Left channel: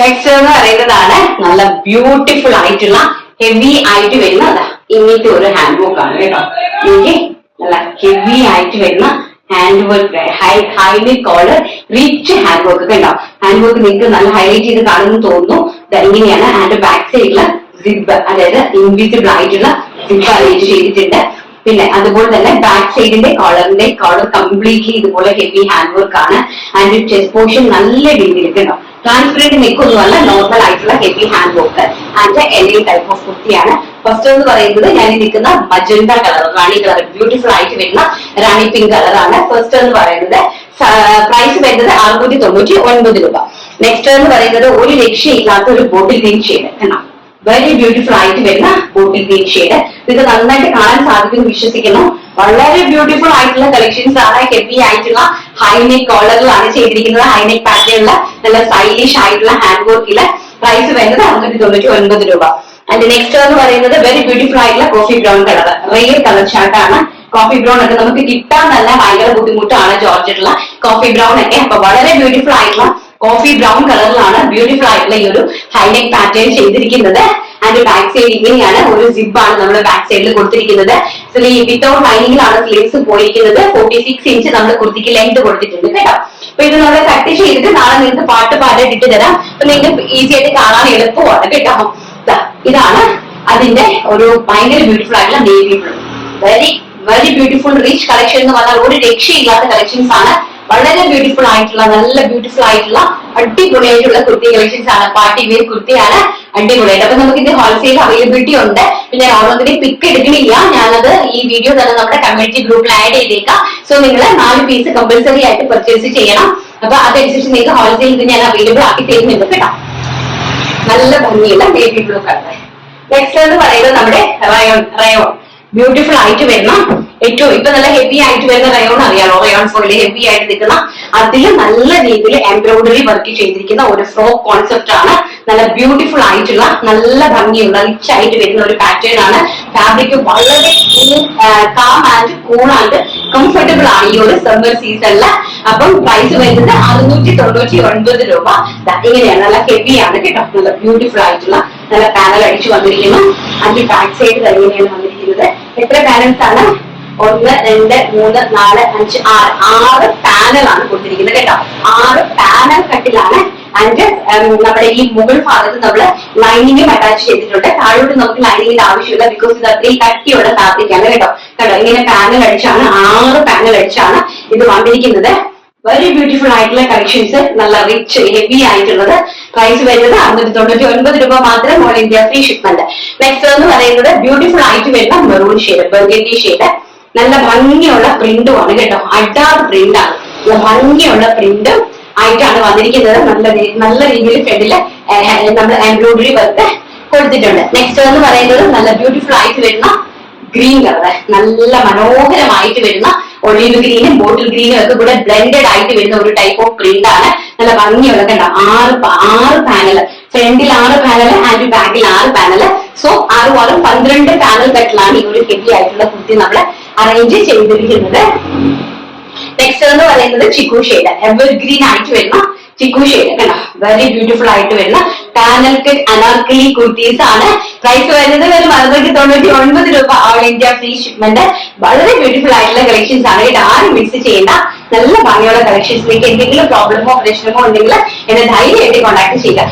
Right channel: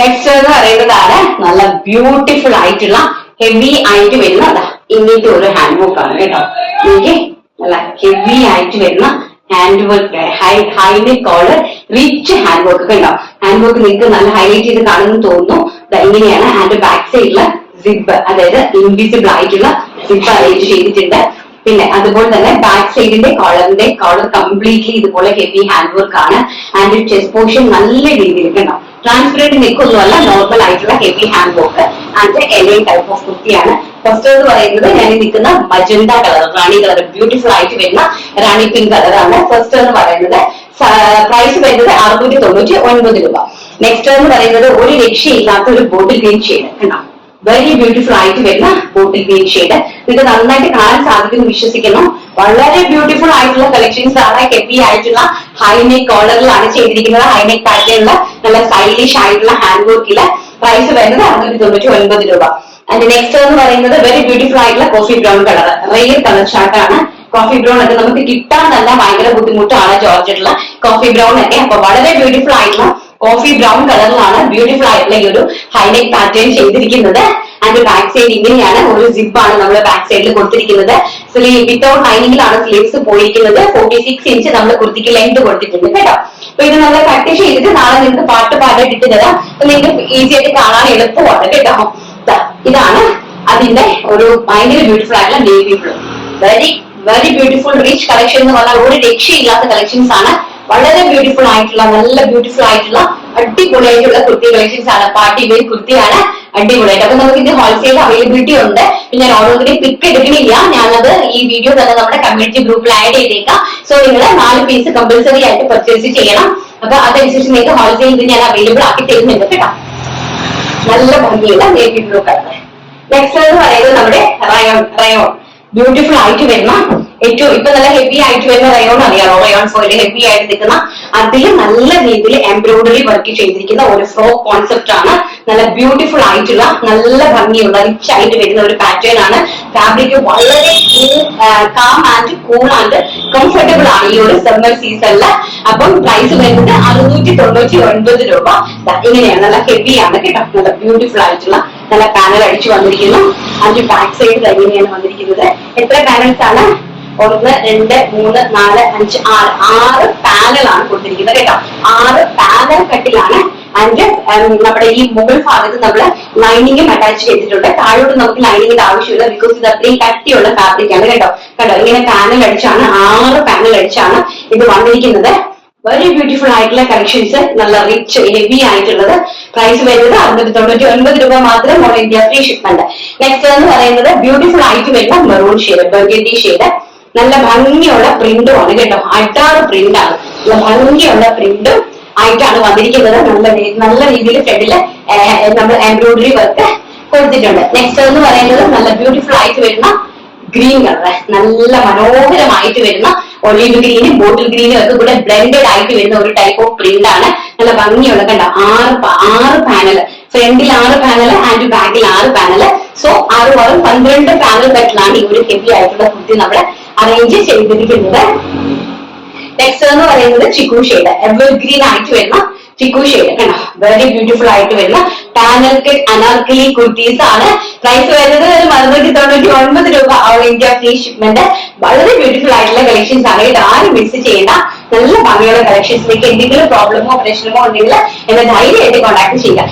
Next എന്ന് പറയുന്നതാണ് നല്ല ബ്യൂട്ടിഫുൾ ആയിട്ടുള്ള ഹെവി ആയിട്ട് വരുന്ന ഇങ്ങനത്തെ ഒരു ഹാൻഡ് വർക്ക് ആണ് കേട്ടോ. എനിക്ക് നല്ല ഹെവി ആയിട്ട് വരുന്ന hand work highlight collar rich hand work ഒക്കെ ഉണ്ടാവും. ഹാൻഡ് വർക്ക് നിങ്ങൾക്ക് നല്ല ഹൈലൈറ്റ് ചെയ്ത് കാണുമെന്ന് തോന്നുന്നു. ഇങ്ങനെയാണ് ആൻഡ് ബാക്ക് സൈഡില് സിബ്, അതായത് ഇൻവിസിബിൾ ആയിട്ടുള്ള സിബ് അറേഞ്ച് ചെയ്തിട്ടുണ്ട്. പിന്നെ അതുപോലെ തന്നെ ബാക്ക് സൈഡിന്റെ കോളർ കംപ്ലീറ്റ്ലി ഇതുപോലെ ഹെവി ഹാൻഡ് വർക്ക് ആണ്. ആൻഡ് ചെസ്റ്റ് പോർഷൻ നല്ല രീതിയിൽ ഉണ്ടാവും. ട്രാൻസ്പെറന്റ് നെക്കൊന്നുമല്ല, നോർമൽ ആയിട്ടുള്ള heavy hand work and A-line type of കുർത്തിയാണ്. ഫസ്റ്റ് എന്ന് പറയുന്നത് ഞാൻ നിൽക്കുന്ന മജന്ത കളർ, റാണി കളർ, ബ്യൂട്ടിഫുൾ ആയിട്ട് വരുന്ന റാണി പിങ്ക് കളറാണ്. ഫസ്റ്റ് എന്ന് പറയുന്നത് പ്രൈസ് വരുന്നത് 699 രൂപ. നെക്സ്റ്റ് എന്ന് പറയുന്നത് ഒരു രക്ഷയില്ലാത്ത ഒരു ബോട്ടിൽ ഗ്രീൻ ഷെയ്ഡ് കണ്ടോ, വെരി ബ്യൂട്ടിഫുൾ ആയിട്ട് വരുന്ന ബോട്ടിൽ ഗ്രീൻ ഷെയ്ഡ്. നിങ്ങൾക്ക് നന്നായിട്ട് കാണാൻ സാധിക്കുന്നു വിശ്വസിക്കുന്നു. വളരെ ബ്യൂട്ടിഫുൾ ആയിട്ടുള്ള കളക്ഷൻസ് ആണ്. ഹെവി ആയിട്ടുള്ള ഹൈനെക്ക് കോളറിലാണ് ചെയ്തിരിക്കുന്നത്. ഹൈനെക്ക് പാറ്റേണിൽ നല്ല സ്റ്റൈലിഷ് ആയിട്ടുള്ള ഹാൻഡ് വർക്കില് പ്രൈസ് വരുന്നത് 699 രൂപ. ആൻഡ് നെക്സ്റ്റ് എന്ന് പറയുന്നത് വെരി ബ്യൂട്ടിഫുൾ ആയിട്ടുള്ള coffee brown colour, rare colour ഷർട്ടാണ്. കോഫി ബ്രൗൺ ഒക്കെ നമുക്ക് കിട്ടാൻ തന്നെ ഭയങ്കര ബുദ്ധിമുട്ടാണ് ജോർജറ്റിലുള്ള കോഫി ബ്രൗൺ ഒക്കെ. അപ്പൊ വളരെ ബ്യൂട്ടിഫുൾ ആയിട്ടുള്ള കോഫി ബ്രൗൺ കളറിലാണ് ബ്യൂട്ടിഫുൾ ആയിട്ടുള്ള ഈ ഒരു ഹൈനെക്ക് പാറ്റേൺ ചെയ്തിരിക്കുന്നത്. ആൻഡ് ബാക്ക് സൈഡ് ഇങ്ങനെയാണ്, ഒരു സിബ് ആണ് നമ്മൾ ബാക്ക് സൈഡിൽ കൊടുത്തിരിക്കുന്നത്. വിത്തൗട്ട് ലൈനിങ്ങിലാണ് സ്ലീവ്സ് പോയിരിക്കുന്നത്. 46 ഇഞ്ച് നമ്മൾ കുർത്തിക്ക് ലെങ്ത് കൊടുത്തിട്ടുണ്ട് കേട്ടോ. അപ്പൊ ഇത് നമ്മൾ കട്ട് ചെയ്തിട്ട് നാളെ നിങ്ങൾക്ക് പാട്ട് ഇട്ട് തരാം. അപ്പൊ നിങ്ങൾക്ക് ഈസി ആയിട്ട് കാണാൻ എളുപ്പമാണ് കേട്ടോ. ഇതാണ് അതിന്റെ ഒരു ഭയങ്കര ബ്യൂട്ടിഫുൾ ആയിട്ടുള്ള navy blue, very beautiful rich collection എന്ന് പറഞ്ഞാൽ ഒരു രക്ഷയില്ലാത്ത കളക്ഷൻസ് ആണ്. വളരെ ബ്യൂട്ടിഫുൾ ആയിട്ടുള്ള നല്ല ബ്യൂട്ടിഫുൾ ആയിട്ടുള്ള അടിപൊളിയായിട്ടുള്ള കുർത്തി കളക്ഷൻസ് ആണ്. പാർട്ടി വെയർ കുർത്തിയാണ്, അടിപൊളിയായിട്ട്. അപ്പൊ നമുക്ക് ഇത് ഹോൾസെയിൽ അവൈലബിലിറ്റി ഉണ്ട്. ഞാൻ ഓരോന്നിനെ പിക്ക് എടുക്കണില്ല, ഞാനത് ഈ വീഡിയോ തന്നെ നമ്മുടെ കമ്മ്യൂണിറ്റി ഗ്രൂപ്പിൽ ആഡ് ചെയ്തേക്കാം. സോ നിങ്ങൾ 4 പീസ് കമ്പൽസറി ആയിട്ട് പർച്ചേസ് ചെയ്യണം. അപ്പൊ അതനുസരിച്ച് നിങ്ങൾക്ക് ഹോൾസെയിൽ ഇത് ഞാൻ അവൈലബിൾ ആക്കി തരുന്നുണ്ട് കേട്ടോ. നല്ല ഭംഗിയുള്ള നേവി ബ്ലൂ കളർ. നെക്സ്റ്റ് എന്ന് പറയുന്നത് നമ്മുടെ റയോൺ ബ്യൂട്ടിഫുൾ ആയിട്ട് വരുന്ന ഏറ്റവും ഇപ്പൊ നല്ല ഹെവി ആയിട്ട് വരുന്ന റയോൺ അറിയാമോ? റയോൺ ഫോയില് ഹെവി ആയിട്ട് നിൽക്കുന്ന അതിൽ നല്ല രീതിയിൽ എംബ്രോയിഡറി വർക്ക് ചെയ്തിരിക്കുന്ന ഒരു ഫ്രോക്ക് കോൺസെപ്റ്റ് ആണ്. നല്ല ബ്യൂട്ടിഫുൾ ആയിട്ടുള്ള നല്ല ഭംഗിയുള്ള റിച്ച് ആയിട്ട് വരുന്ന ഒരു പാറ്റേൺ ആണ്. ഫാബ്രിക് വളരെ calm and cool and comfortable ആണ് ഈ ഒരു സമ്മർ സീസണില്. അപ്പം പ്രൈസ് വരുന്നത് 699 രൂപ. ഇങ്ങനെയാണ്, നല്ല ഹെവി ആണ് കേട്ടോ. നല്ല ബ്യൂട്ടിഫുൾ ആയിട്ടുള്ള നല്ല പാനൽ അടിച്ചു വന്നിരിക്കുന്നു. അതിന്റെ ബാക്ക് സൈഡ് ഇങ്ങനെയാണ് വന്നിരിക്കുന്നത്. എത്ര പാനൽസ് ആണ്? 1 2 3 4 5 6 പാനലാണ് കൊടുത്തിരിക്കുന്നത് കേട്ടോ. 6 പാനൽ കട്ടിലാണ്. ആൻഡ് നമ്മുടെ ഈ മുകൾ ഭാഗത്ത് നമ്മൾ ലൈനിങ്ങും അറ്റാച്ച് ചെയ്തിട്ടുണ്ട്. താഴോട്ട് നമുക്ക് ലൈനിങ്ങിന്റെ ആവശ്യമില്ല, ബിക്കോസ് ഇത് അത്രയും കട്ടിയുള്ള ഫാബ്രിക് ആണ് കേട്ടോ. കണ്ടോ, ഇങ്ങനെ പാനൽ അടിച്ചാണ് 6 പാനൽ അടിച്ചാണ് ഇത് വന്നിരിക്കുന്നത്. വെരി ബ്യൂട്ടിഫുൾ ആയിട്ടുള്ള കളക്ഷൻസ്, നല്ല റിച്ച് ഹെവി ആയിട്ടുള്ളത്. പ്രൈസ് വരുന്നത് 699 രൂപ മാത്രം, all India free shipment. Next എന്ന് പറയുന്നത് ബ്യൂട്ടിഫുൾ ആയിട്ട് വരുന്ന മെറൂൺ ഷെയ്ഡ്, ബർഗൻഡി ഷെയ്ഡ്. നല്ല ഭംഗിയുള്ള പ്രിന്റും ആണ് കേട്ടോ. അഡാർ പ്രിന്റ് ആണ്, നല്ല ഭംഗിയുള്ള പ്രിന്റും ആയിട്ടാണ് വന്നിരിക്കുന്നത്. നല്ല രീതിയിൽ ഫ്രണ്ടില് നമ്മൾ എംബ്രോയിഡറി വർക്ക് കൊടുത്തിട്ടുണ്ട്. നെക്സ്റ്റ് എന്ന് പറയുന്നത് നല്ല ബ്യൂട്ടിഫുൾ ആയിട്ട് വരുന്ന ഗ്രീൻ കളർ, നല്ല മനോഹരമായിട്ട് വരുന്ന ഒലിവ് ഗ്രീനും ബോട്ടിൽ ഗ്രീനും ഒക്കെ കൂടെ ബ്ലെൻഡഡ് ആയിട്ട് വരുന്ന ഒരു ടൈപ്പ് ഓഫ് പ്രിന്റ് ആണ്. നല്ല ഭംഗിയുള്ള കണ്ട 6 പാനൽ, ഫ്രണ്ടിൽ 6 പാനൽ ആൻഡ് ബാക്കിൽ 6 പാനൽ. സോ 6 12 പാനൽ കട്ടിലാണ് ഈ ഒരു ഹെവി ആയിട്ടുള്ള കുർത്തി നമ്മൾ അറേഞ്ച് ചെയ്തിരിക്കുന്നത്. നെക്സ്റ്റ് എന്ന് പറയുന്നത് ചിക്കു ഷെയ്ഡ്, എവർ ഗ്രീൻ ആയിട്ട് വരുന്ന ചിക്കു ഷെയ്ഡ് കണ്ടോ, വെരി ബ്യൂട്ടിഫുൾ ആയിട്ട് വരുന്ന പാനൽ അനാർക്കലി കുർത്തീസ് ആണ്. പ്രൈസ് വരുന്നത് 699 രൂപ, ഓൾ ഇന്ത്യ ഫ്രീ ഷിപ്മെന്റ്. വളരെ ബ്യൂട്ടിഫുൾ ആയിട്ടുള്ള കളക്ഷൻസ് ആണ്. ഇത് ആരും മിസ് ചെയ്യേണ്ട, നല്ല ഭംഗിയുള്ള കളക്ഷൻസ്. നിങ്ങൾക്ക് എന്തെങ്കിലും പ്രോബ്ലമോ പ്രശ്നമോ ഉണ്ടെങ്കിൽ എന്നെ ധൈര്യമായിട്ട് കോൺടാക്ട് ചെയ്യുക.